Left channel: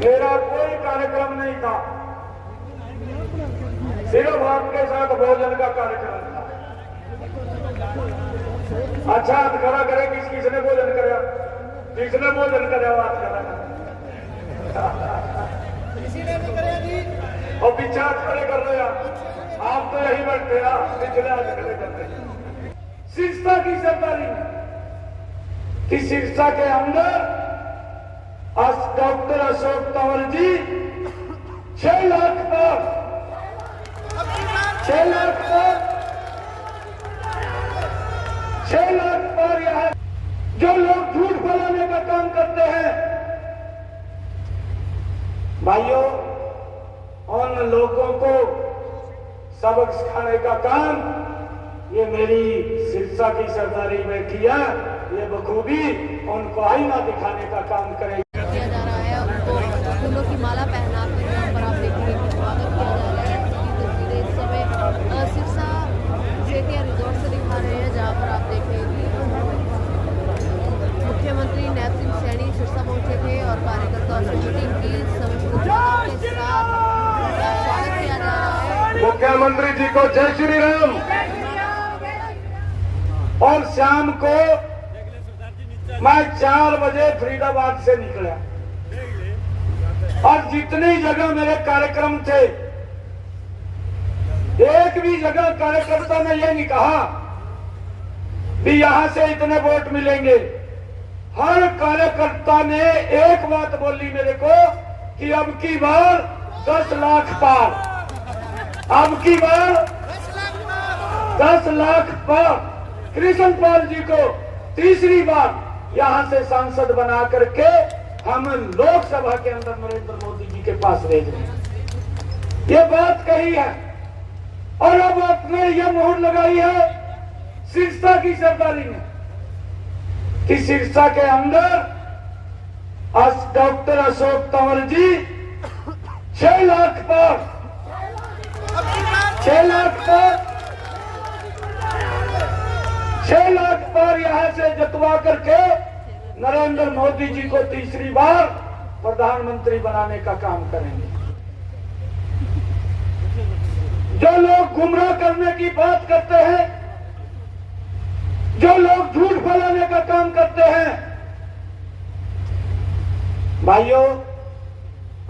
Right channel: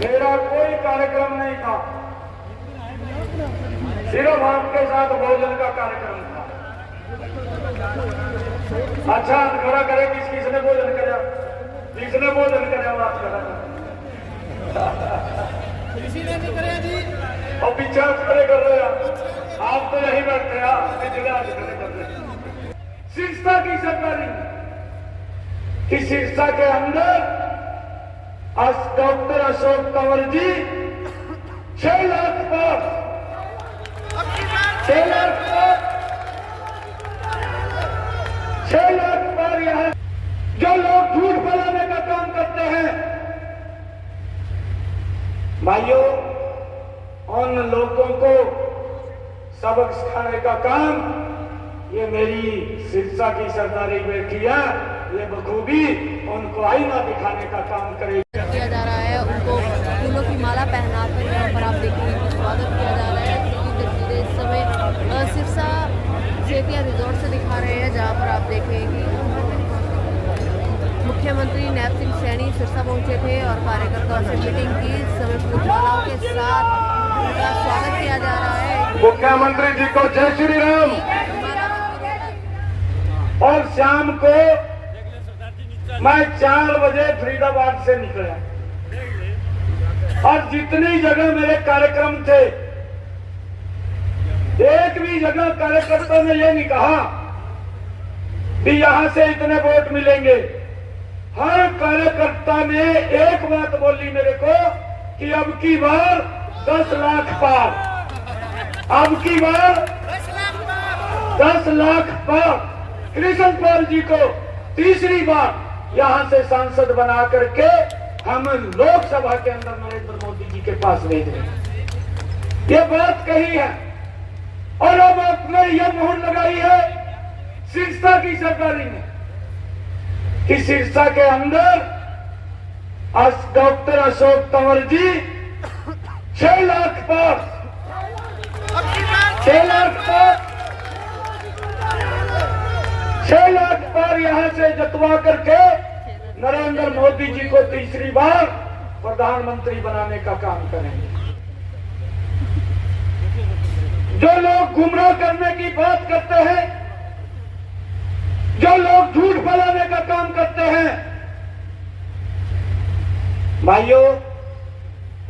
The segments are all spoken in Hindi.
मेरा कोई कार्यक्रम नहीं था, सिर्फ आपके साथ भोजन का कार्यक्रम था। अच्छा हाथ खड़ा करे, किसने भोजन करे? किसने भोजन करे? हाथ खड़ा किसी ने नहीं करे जी। और पीछे हाथ खड़े कर रहे हैं आप, तो यही बैठे हैं, पिछले हाथ खड़े कर रहे हैं। सिरसा की सरकारी कि सिरसा के अंदर डॉक्टर अशोक तंवर जी 6 लाख पर 6 लाख पर यहाँ जो लोग झूठ फैलाने का काम करते हैं, भाइयों, उन लोगों को सबक सिखाने का काम ये मेरी सिरसा की सरदारी बैठी है, ये बखूबी उनको आईना दिखाने का काम करेगी। किया जा रहा है, उनको फूलों की माला पहना कर आप देखेंगे स्वागत किया जा रहा है। सीधी तस्वीरें इस समय सिरसा जेपीआर रिजॉर्ट से दिखा रहे हैं, जहां पर आप देखेंगे मुख्यमंत्री नैब सिंह सैनी सिरसा पहुंचे थे और कार्यकर्ताओं से मीटिंग की। इस समय फूलमालाओं के साथ उनका स्वागत किया जा रहा है। मुख्यमंत्री जी को जय श्री राम। और शाम को मैं 4 बजे फरीदाबाद से निकला और जितनी जगह मेरे कार्यक्रम थे, एक भी जगह कार्यकर्ताओं ने ये नहीं कहा कि यहां से इतने वोट मिलेंगे। हर कार्यकर्ता ने एक बात बोली मेरे को कि अब की बार 10 लाख पार, अब की बार 10 लाख पार। कृष्ण पाल जी को तीसरी बार यहां से सांसद बना करके हम लोकसभा के अंदर नरेंद्र मोदी जी के पास भेज रहे हैं। ये बात कही है और अब आपने ये मोहर लगाई है सिरसा की सरदारी में कि सिरसा के अंदर डॉक्टर अशोक तंवर जी 6 लाख पर 6 लाख पर 6 लाख पर यहां से जतवा करके नरेंद्र मोदी जी को तीसरी बार प्रधानमंत्री बनाने का काम करेंगे। जो लोग गुमराह करने की बात करते हैं, जो लोग झूठ फैलाने का काम करते हैं, भाइयों,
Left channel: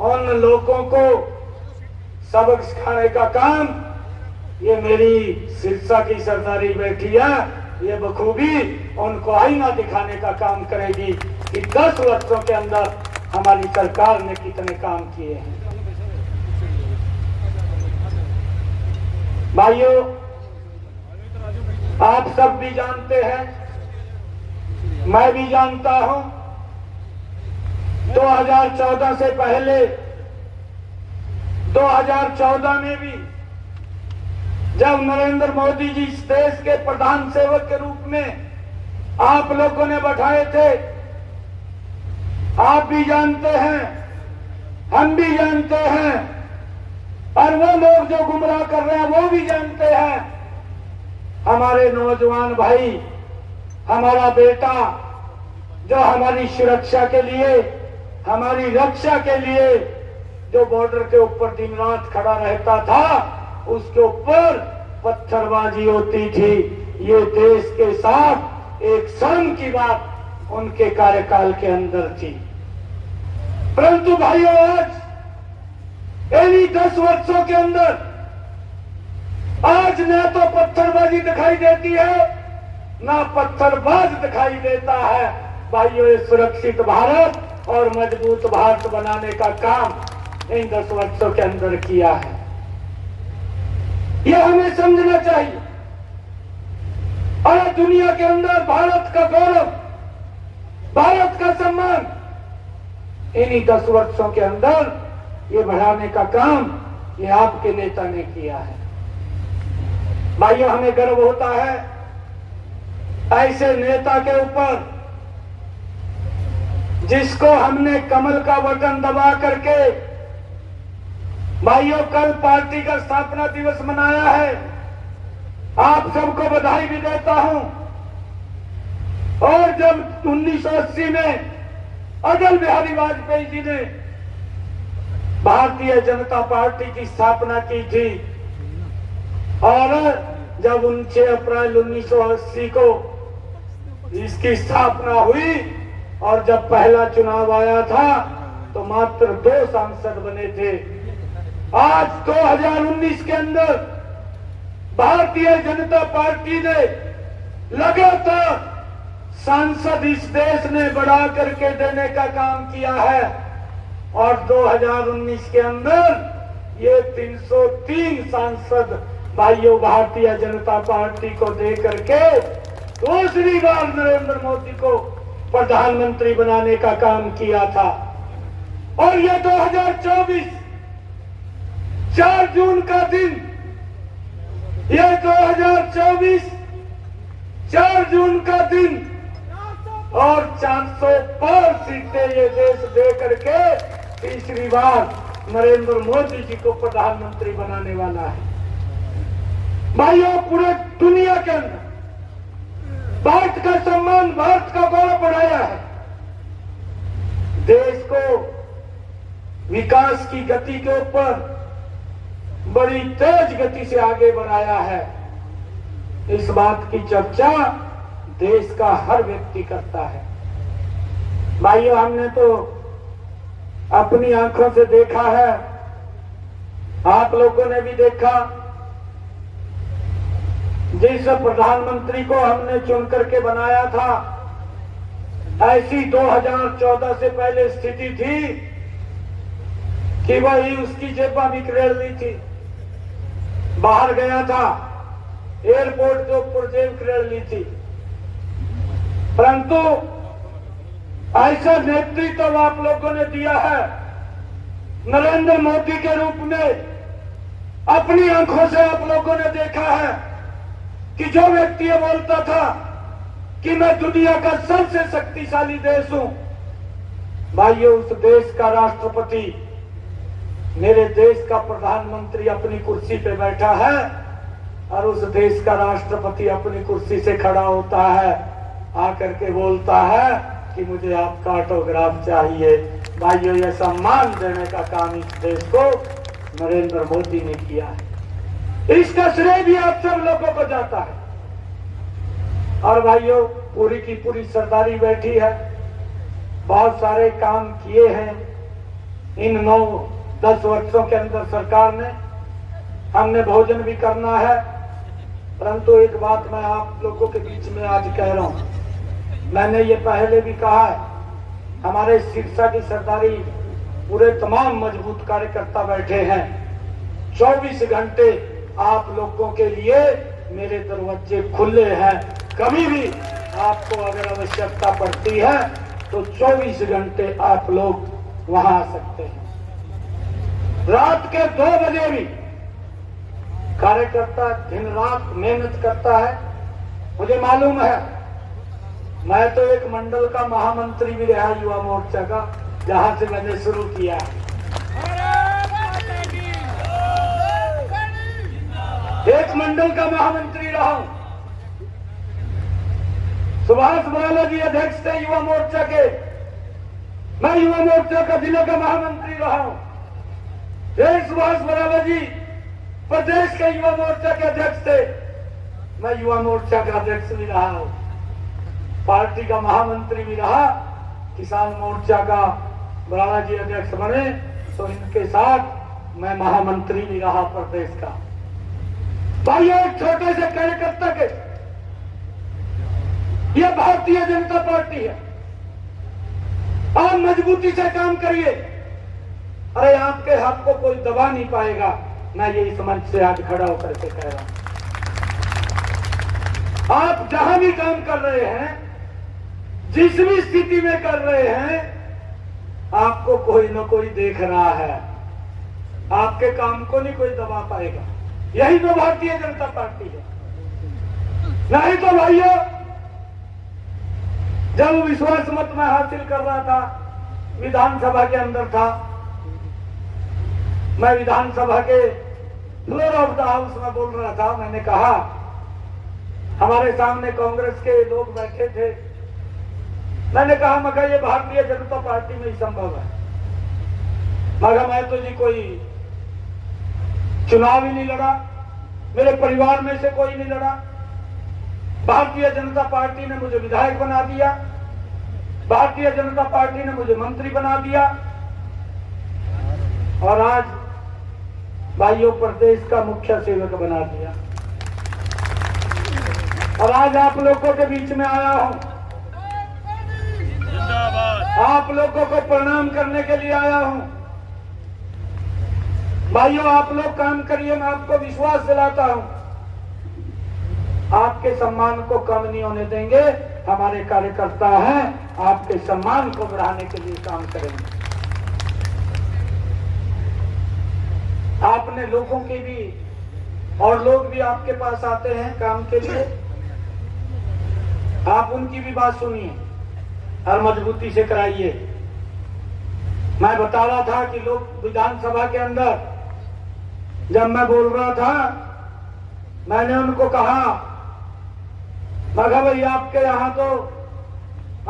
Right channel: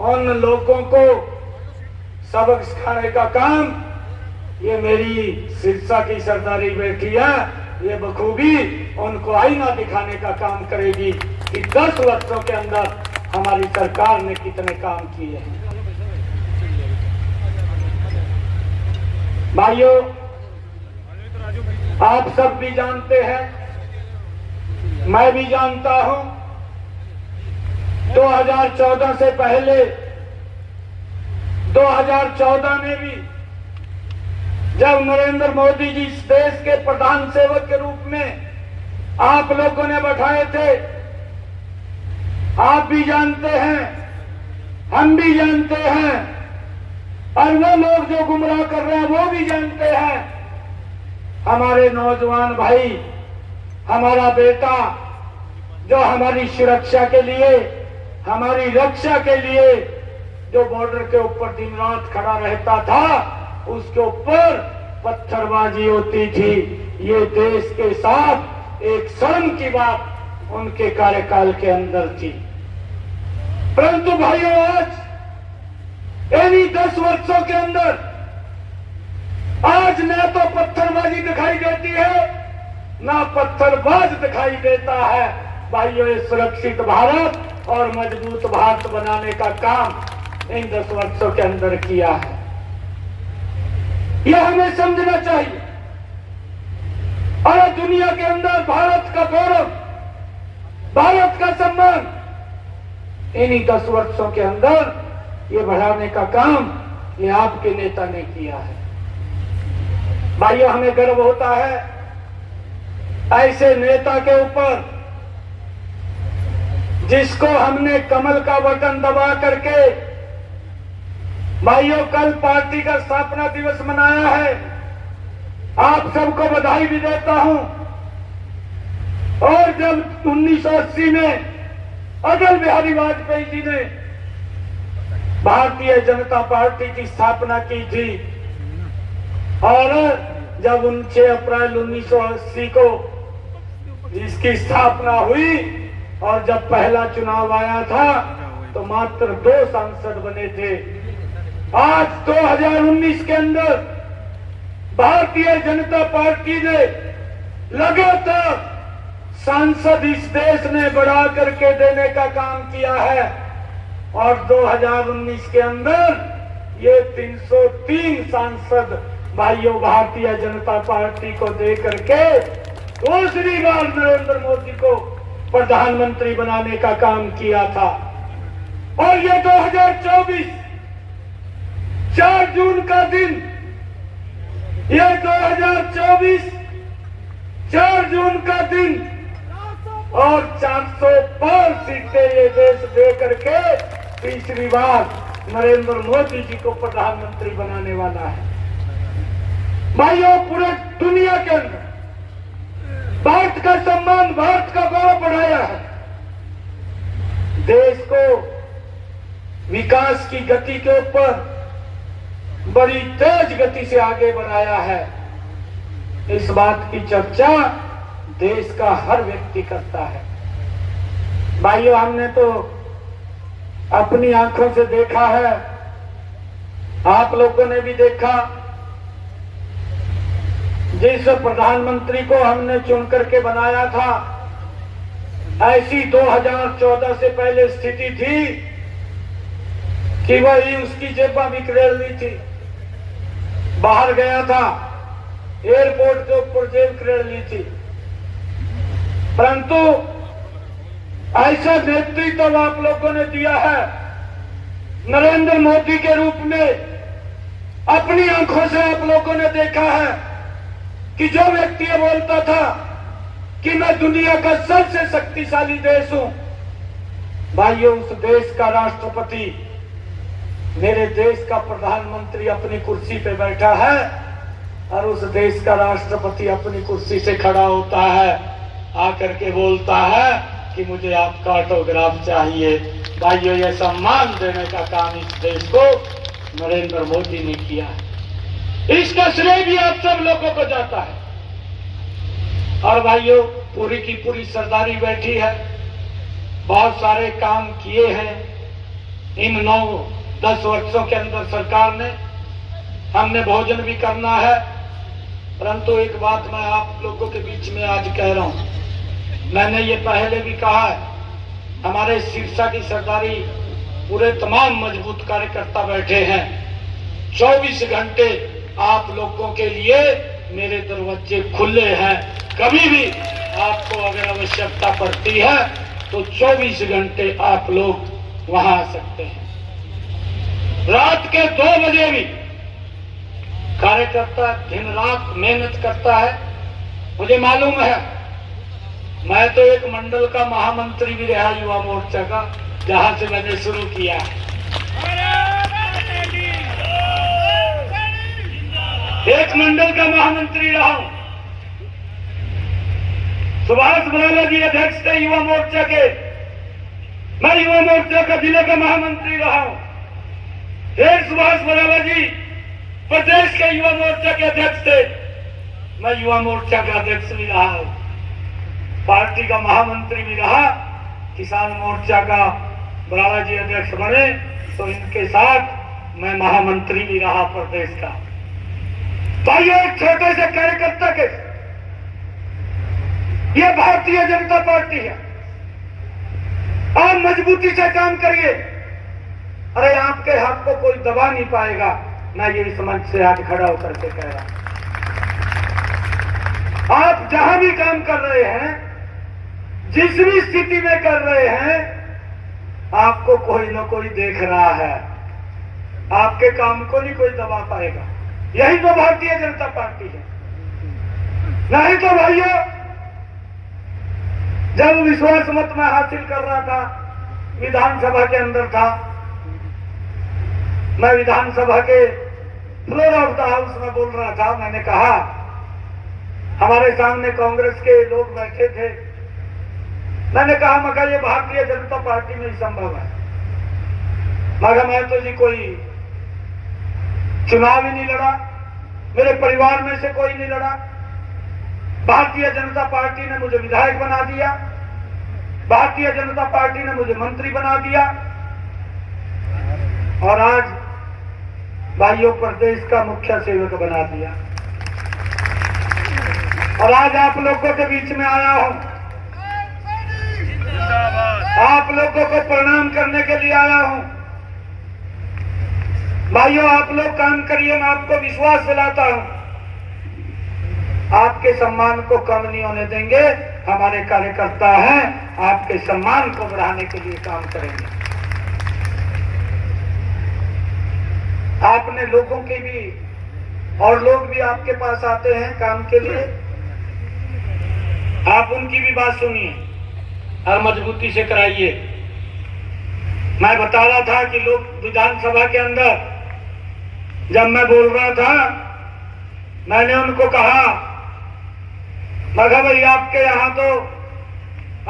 उन लोगों को सबक सिखाने का काम ये मेरी सिरसा की सरदारी बैठी है, ये बखूबी उनको आईना दिखाने का काम करेगी कि 10 वर्षों के अंदर हमारी सरकार ने कितने काम किए हैं। भाइयों, आप सब भी जानते हैं, मैं भी जानता हूं, 2014 से पहले 2014 में भी जब नरेंद्र मोदी जी इस देश के प्रधान सेवक के रूप में आप लोगों ने बैठाए थे, आप भी जानते हैं, हम भी जानते हैं, और वो लोग जो गुमराह कर रहे हैं वो भी जानते हैं। हमारे नौजवान भाई, हमारा बेटा जो हमारी सुरक्षा के लिए, हमारी रक्षा के लिए जो बॉर्डर के ऊपर दिन रात खड़ा रहता था, उसके ऊपर पत्थरबाजी होती थी। ये देश के साथ एक शर्म की बात उनके कार्यकाल के अंदर थी। परंतु भाइयों, आज इन्हीं 10 वर्षों के अंदर आज न तो पत्थरबाजी दिखाई देती है, ना पत्थरबाज दिखाई देता है। भाइयों, ये सुरक्षित भारत और मजबूत भारत बनाने का काम इन 10 वर्षों के अंदर किया है। यह हमें समझना चाहिए। और दुनिया के अंदर भारत का गौरव, भारत का सम्मान इन्हीं 10 वर्षों के अंदर ये बढ़ाने का काम ये आपके नेता ने किया है। भाइयों, हमें गर्व होता है ऐसे नेता के ऊपर जिसको हमने कमल का बटन दबा करके, भाइयों, कल पार्टी का स्थापना दिवस मनाया है। आप सबको बधाई भी देता हूं। और जब 1980 में अटल बिहारी वाजपेयी जी ने भारतीय जनता पार्टी की स्थापना की थी और जब 6 अप्रैल 1980 को इसकी स्थापना हुई और जब पहला चुनाव आया था तो मात्र 2 सांसद बने थे। आज 2019 के अंदर भारतीय जनता पार्टी ने लगातार सांसद इस देश ने बढ़ा करके देने का काम किया है और 2019 के अंदर ये 303 सांसद भाइयों भारतीय जनता पार्टी को दे करके दूसरी बार नरेंद्र मोदी को प्रधानमंत्री बनाने का काम किया था। और ये 2024 4 जून का दिन, ये 2024 4 जून का दिन और 405 सीटें ये देश दे करके तीसरी बार नरेंद्र मोदी जी को प्रधानमंत्री बनाने वाला है। भाइयों, पूरे दुनिया के अंदर भारत का सम्मान, भारत का गौरव बढ़ाया है, देश को विकास की गति के ऊपर बड़ी तेज गति से आगे बढ़ाया है। इस बात की चर्चा देश का हर व्यक्ति करता है। भाइयों, हमने तो अपनी आंखों से देखा है, आप लोगों ने भी देखा, जिस प्रधानमंत्री को हमने चुन करके बनाया था, ऐसी 2014 से पहले स्थिति थी कि वही उसकी जेबा भी खड़ेल ली थी। बाहर गया था, एयरपोर्ट के ऊपर जेब खड़ेल ली थी, परंतु ऐसा नेतृत्व आप लोगों ने दिया है नरेंद्र मोदी के रूप में। अपनी आंखों से आप लोगों ने देखा है कि जो व्यक्ति ये बोलता था कि मैं दुनिया का सबसे शक्तिशाली देश हूं, भाइयों, उस देश का राष्ट्रपति, मेरे देश का प्रधानमंत्री अपनी कुर्सी पे बैठा है और उस देश का राष्ट्रपति अपनी कुर्सी से खड़ा होता है, आकर के बोलता है कि मुझे आपका ऑटोग्राफ चाहिए। भाइयों, ये सम्मान देने का काम इस देश को नरेंद्र मोदी ने किया है। इसका श्रेय भी आप सब लोगों को जाता है। और भाइयों, पूरी की पूरी सरदारी बैठी है, बहुत सारे काम किए हैं इन 9-10 वर्षों के अंदर सरकार ने। हमने भोजन भी करना है, परंतु एक बात मैं आप लोगों के बीच में आज कह रहा हूं, मैंने ये पहले भी कहा है, हमारे सिरसा की सरदारी पूरे तमाम मजबूत कार्यकर्ता बैठे हैं। 24 घंटे आप लोगों के लिए मेरे दरवाजे खुले हैं। कभी भी आपको अगर आवश्यकता पड़ती है तो 24 घंटे आप लोग वहां आ सकते हैं। रात के 2 बजे भी कार्यकर्ता दिन रात मेहनत करता है। मुझे मालूम है, मैं तो एक मंडल का महामंत्री भी रहा युवा मोर्चा का, जहां से मैंने शुरू किया है। एक मंडल का महामंत्री रहा हूं। सुभाष बराला जी अध्यक्ष थे युवा मोर्चा के, मैं युवा मोर्चा का जिले का महामंत्री रहा हूं। फिर सुभाष बराला जी प्रदेश के युवा मोर्चा के अध्यक्ष थे, मैं युवा मोर्चा का अध्यक्ष भी रहा हूं, पार्टी का महामंत्री भी रहा। किसान मोर्चा का बराला जी अध्यक्ष बने तो इनके साथ मैं महामंत्री भी रहा प्रदेश का। भाइयों, एक छोटे से कार्यकर्ता के, ये भारतीय जनता पार्टी है। आप मजबूती से काम करिए, अरे आपके हाथ को कोई दबा नहीं पाएगा। ना ये इस मंच से आज खड़ा होकर के कह रहा, आप जहां भी काम कर रहे हैं, जिस भी स्थिति में कर रहे हैं, आपको कोई न कोई देख रहा है, आपके काम को नहीं कोई दबा पाएगा। यही तो भारतीय जनता पार्टी है। नहीं तो भाइयों, जब विश्वास मत में हासिल कर रहा था, विधानसभा के अंदर था, मैं विधानसभा के फ्लोर ऑफ द हाउस में बोल रहा था। मैंने कहा, हमारे सामने कांग्रेस के लोग बैठे थे, मैंने कहा, मगर ये भारतीय जनता पार्टी में ही संभव है। मगर मैं तो जी कोई चुनाव ही नहीं लड़ा, मेरे परिवार में से कोई नहीं लड़ा। भारतीय जनता पार्टी ने मुझे विधायक बना दिया, भारतीय जनता पार्टी ने मुझे मंत्री बना दिया, और आज भाइयों प्रदेश का मुख्य सेवक बना दिया। और आज आप लोगों के बीच में आया हूं, आप लोगों को प्रणाम करने के लिए आया हूं। भाइयों, आप लोग काम करिए, मैं आपको विश्वास दिलाता हूं, आपके सम्मान को कम नहीं होने देंगे। हमारे कार्यकर्ता हैं, आपके सम्मान को बढ़ाने के लिए काम करेंगे। आपने लोगों के भी, और लोग भी आपके पास आते हैं काम के लिए, आप उनकी भी बात सुनिए और मजबूती से कराइए। मैं बता रहा था कि लोग विधानसभा के अंदर जब मैं बोल रहा था, मैंने उनको कहा, मगर भाई आपके यहां तो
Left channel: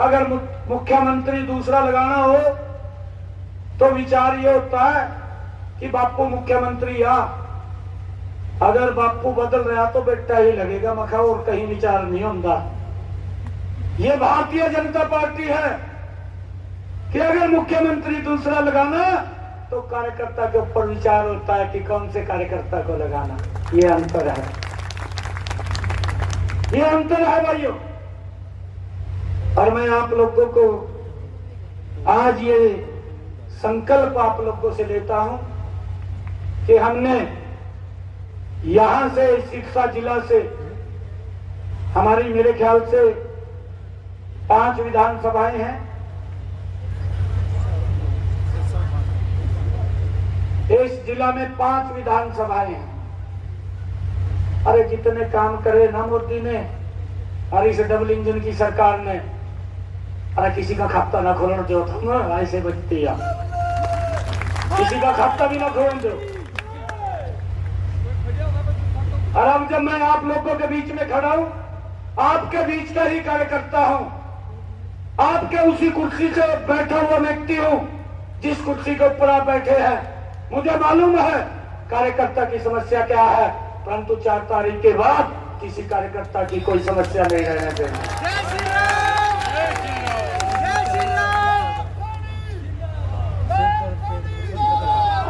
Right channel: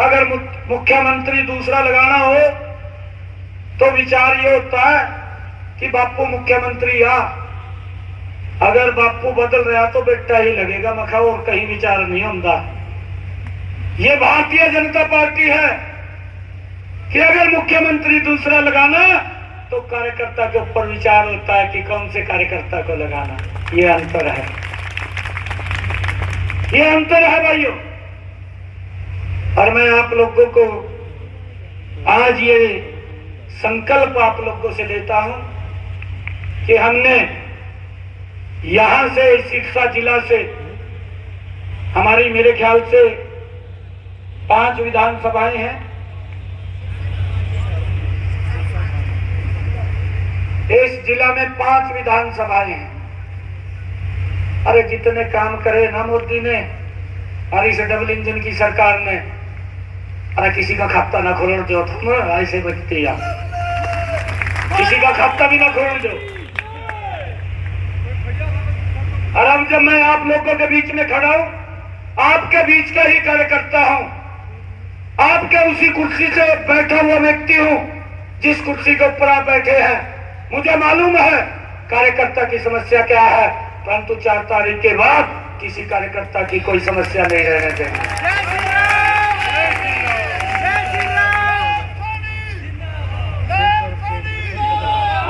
अगर मुख्यमंत्री दूसरा लगाना हो तो विचार ये होता है कि बापू मुख्यमंत्री आ, अगर बापू बदल रहा तो बेटा ही लगेगा, मखा और कहीं विचार नहीं होता। ये भारतीय जनता पार्टी है कि अगर मुख्यमंत्री दूसरा लगाना तो कार्यकर्ता के ऊपर विचार होता है कि कौन से कार्यकर्ता को लगाना। ये अंतर है, ये अंतर है भाइयों। और मैं आप लोगों को आज ये संकल्प आप लोगों से लेता हूं कि हमने यहां से सिरसा जिला से हमारी मेरे ख्याल से 5 विधानसभाएं हैं। इस जिला में 5 विधानसभाएं हैं। अरे जितने काम करे ना मोदी ने और इस डबल इंजन की सरकार ने, अरे किसी का खाता ना खोलने दो, तुम ऐसे बचते हैं, किसी का खाता भी ना खोलने दो। और अब जब मैं आप लोगों के बीच में खड़ा हूं, आपके बीच का ही कार्यकर्ता हूं, आपके उसी कुर्सी से बैठा हुआ व्यक्ति हूं जिस कुर्सी के ऊपर आप बैठे हैं। मुझे मालूम है कार्यकर्ता की समस्या क्या है, परंतु 4 तारीख के बाद किसी कार्यकर्ता की कोई समस्या नहीं रहने देंगे।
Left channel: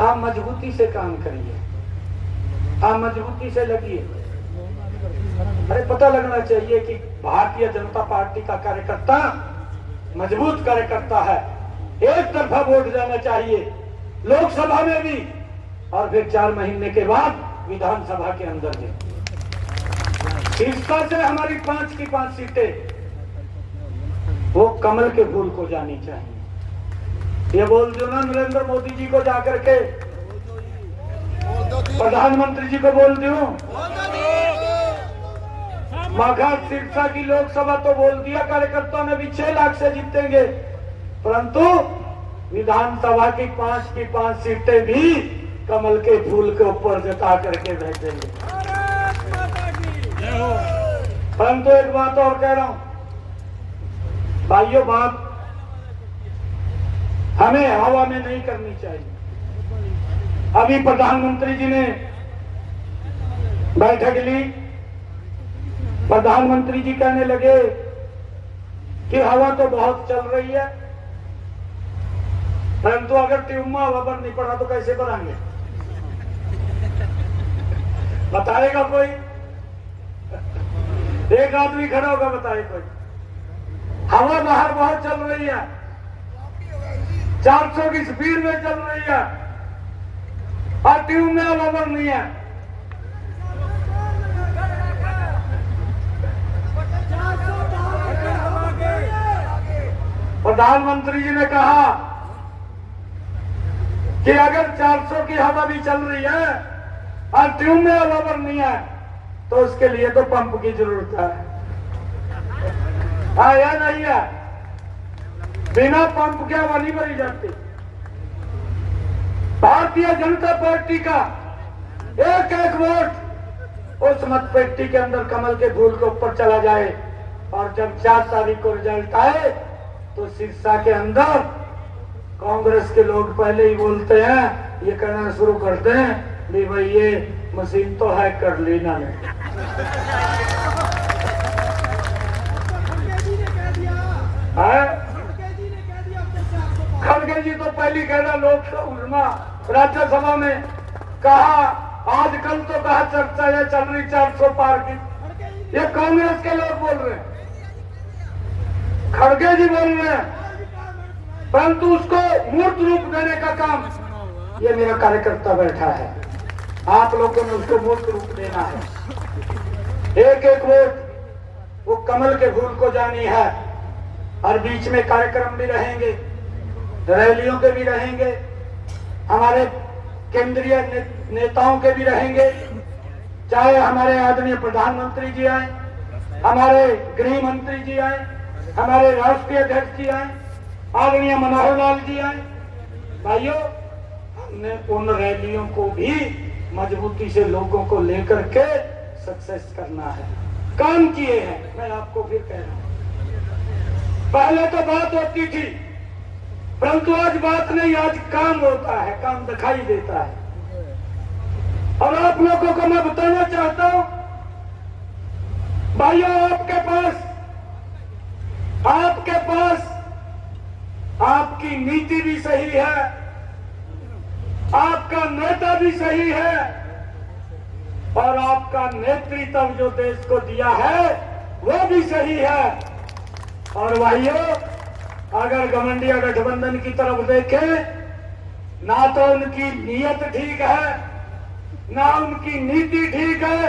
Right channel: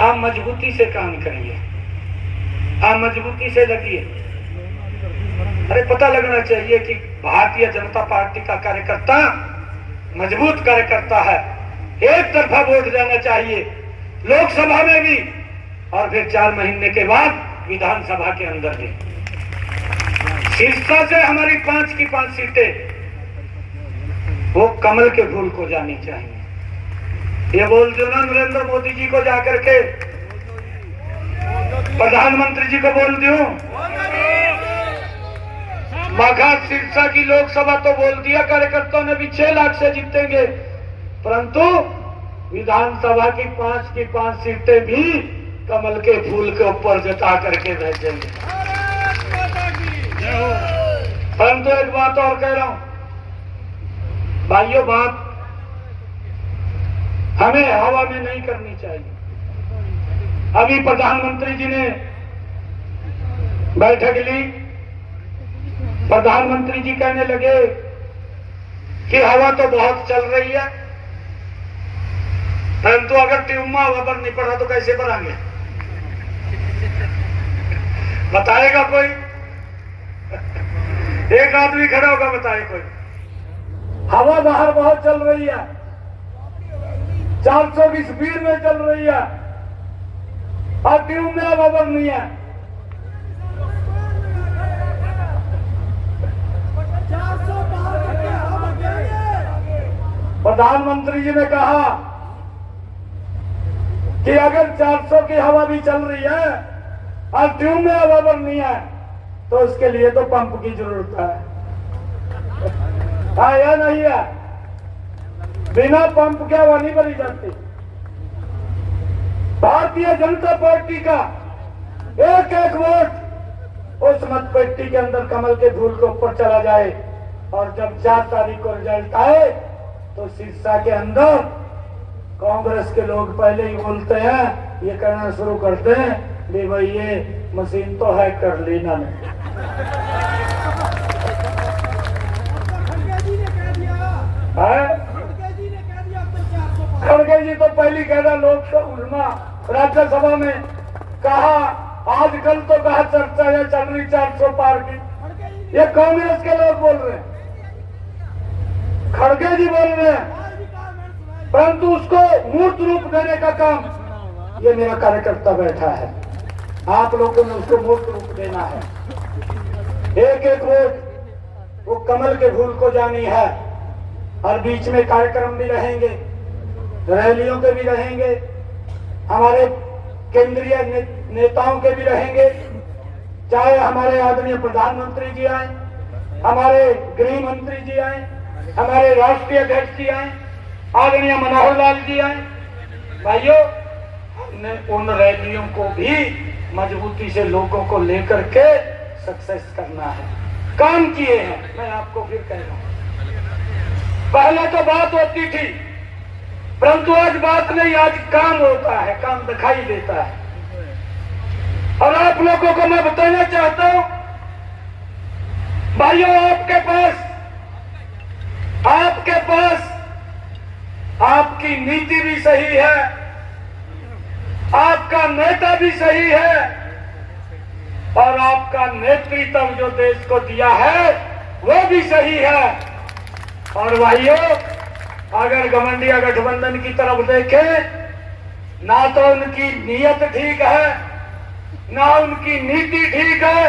आप मजबूती से काम करिए, आप मजबूती से लगिए। अरे पता लगना चाहिए कि भारतीय जनता पार्टी का कार्यकर्ता मजबूत कार्यकर्ता है। एक तरफा वोट जाना चाहिए लोकसभा में भी, और फिर 4 महीने के बाद विधानसभा के अंदर भी। सिरसा से हमारी 5 की 5 सीटें वो कमल के फूल को जानी चाहिए। ये बोल दो ना नरेंद्र मोदी जी को जाकर के, प्रधानमंत्री जी को बोल दूं, मघा सिरसा की लोकसभा तो बोल दिया कार्यकर्ताओं ने भी 6 लाख से जीतेंगे, परंतु विधानसभा की 5 सीटें भी कमल के फूल के ऊपर जता करके भेजेंगे। परंतु एक बात और कह रहा हूं भाइयों, बात हमें हवा में नहीं करनी चाहिए। अभी प्रधानमंत्री जी ने बैठक ली, प्रधानमंत्री जी कहने लगे कि हवा तो बहुत चल रही है, परंतु अगर ट्यूब में हवा भर नहीं पड़ा तो कैसे भरांगे? बताएगा कोई? एक आदमी खड़ा होगा, बताए कोई? हवा बाहर बहुत चल रही है, 400 की स्पीड में चल रही है, और ट्यूब में हवा भर नहीं है। प्रधानमंत्री जी ने कहा कि अगर 400 की हवा भी चल रही है और ट्यूब में हवा भरनी है तो उसके लिए तो पंप की जरूरत है। हाँ या नहीं है? बिना पंप के हवा नहीं भरी जाती। भारतीय जनता पार्टी का एक एक वोट उस मतपेटी के अंदर कमल के फूल के ऊपर चला जाए, और जब 4 तारीख को रिजल्ट आए तो सिरसा के अंदर कांग्रेस के लोग पहले ही बोलते हैं, ये कहना शुरू करते हैं कि भाई ये मशीन तो है कर लेना ने। खड़गे जी तो पहली कहना लोकसभा राज्यसभा में कहा, आजकल तो कहा चर्चा है चल रही 400 पार की, ये कांग्रेस के लोग बोल रहे हैं, खड़गे जी बोल रहे हैं, परंतु उसको मूर्त रूप देने का काम ये मेरा कार्यकर्ता बैठा है। आप लोगों ने उसको मूर्त रूप देना है। एक एक वोट वो कमल के फूल को जानी है। और बीच में कार्यक्रम भी रहेंगे, रैलियों के भी रहेंगे, हमारे केंद्रीय नेताओं के भी रहेंगे, चाहे हमारे आदरणीय प्रधानमंत्री जी आए, हमारे गृह मंत्री जी आए, हमारे राष्ट्रीय अध्यक्ष जी आए, आदरणीय मनोहर लाल जी आए। भाइयों, हमने उन रैलियों को भी मजबूती से लोगों को लेकर के सक्सेस करना है। काम किए हैं, मैं आपको फिर कह रहा हूं। पहले तो बात होती थी, परंतु आज बात नहीं, आज काम होता है, काम दिखाई देता है। और आप लोगों को मैं बताना चाहता हूं भाइयों, आपके पास आपकी नीति भी सही है, आपका नेता भी सही है, और आपका नेतृत्व जो देश को दिया है वो भी सही है। और भाइयों, अगर गठबंधन गठबंधन की तरफ देखें, ना तो उनकी नीयत ठीक है, ना उनकी नीति ठीक है।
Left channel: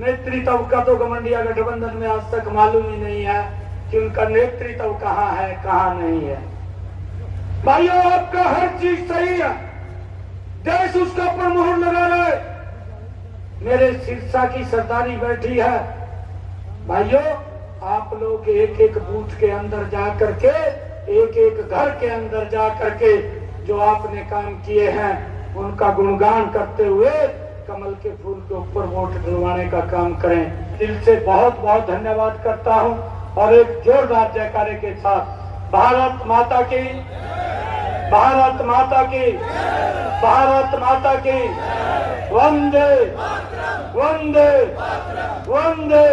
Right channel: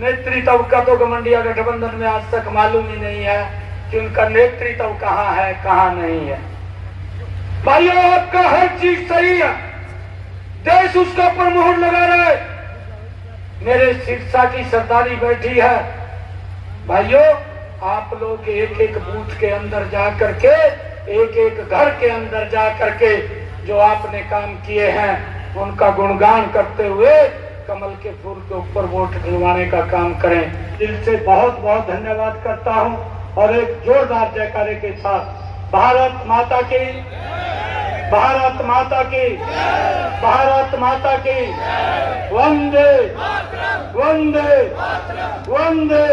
नेतृत्व का तो गठबंधन गठबंधन में आज तक मालूम ही नहीं है कि उनका नेतृत्व कहाँ है, कहाँ नहीं है। भाइयों, आपका हर चीज सही है, देश उसका पर मोहर लगा रहा है। मेरे सिरसा की सरदारी बैठी है। भाइयों, आप लोग एक एक बूथ के अंदर जा करके, एक एक घर के अंदर जा करके जो आपने काम किए हैं उनका गुणगान करते हुए कमल के फूल के ऊपर वोट दिलवाने का काम करें। दिल से बहुत बहुत धन्यवाद करता हूं और एक जोरदार जयकारे के साथ भारत माता की, भारत माता की, भारत माता की, वंदे वंदे वंदे,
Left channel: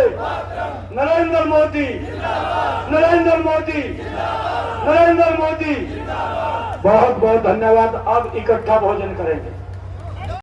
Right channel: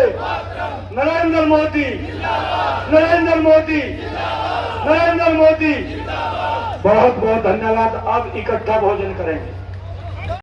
नरेंद्र मोदी, नरेंद्र मोदी, नरेंद्र मोदी। बहुत बहुत धन्यवाद। अब इकट्ठा भोजन करेंगे।